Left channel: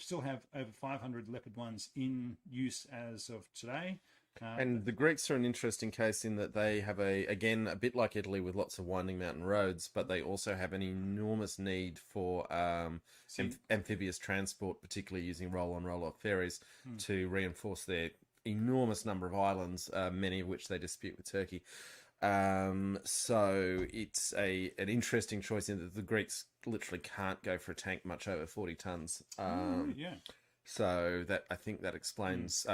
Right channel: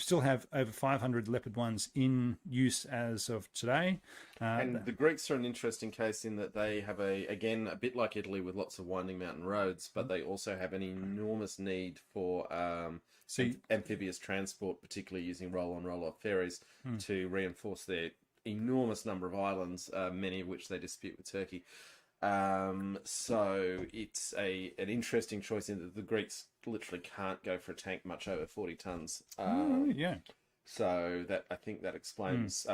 still have over 500 Leopard 1s in use as of today. And the Greeks are an interesting case in that they have a bit like Italy with lots of winding mountain roads, but they also have an enormous need for amphibious transport, particularly using roll-on, roll-off ferries to reinforce their enormous number of islands, many of which they dispute with Turkey. So it's an interesting choice in that the Greeks literally can't go for a tank much over 40 tons. Yeah. So that I think that explains,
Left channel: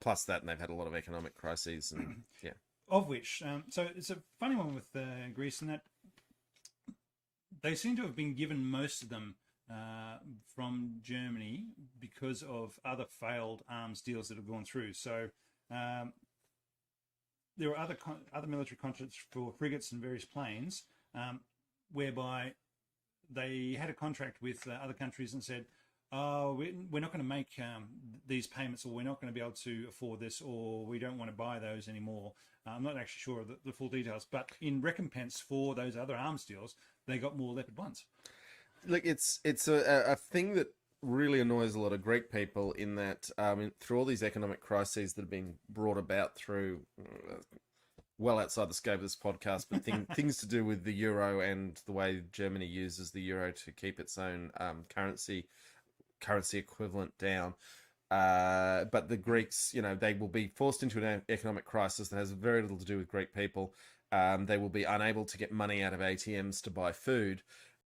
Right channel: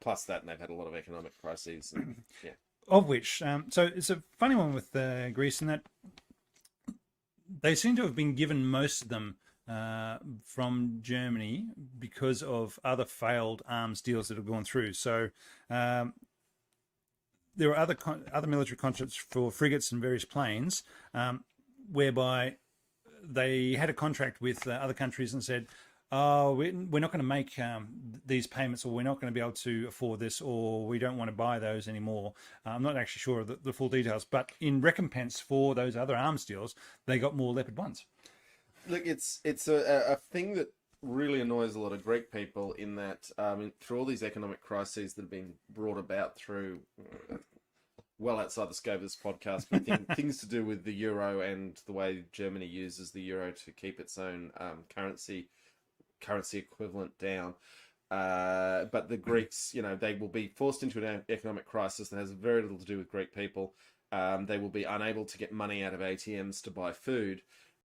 plus that, and they've had a lot of economic crises, and yeah. Of which, so it's a funny one with Greece in that they seem to have been given most of them from Germany because of other failed arms deals that have gone through. So there are other military contracts for frigates and various planes whereby they had a contract with other countries and said, oh, we're not going to make these payments, or we're not going to be able to afford this, or we don't want to buy those anymore. I'm not actually sure of the full details, but in recompense for those other arms deals, they got more Leopard 1s. Look, it's a thing that really annoys a lot of Greek people in that through all these economic crises that have been brought about through well outside the scope of this podcast, but things to do with the euro and the way Germany uses the euro to keep its own currency equivalent down. But the Greeks, they will be forced into an economic crisis that has very little to do with Greek people. They will be unable to get money out of ATMs to buy food.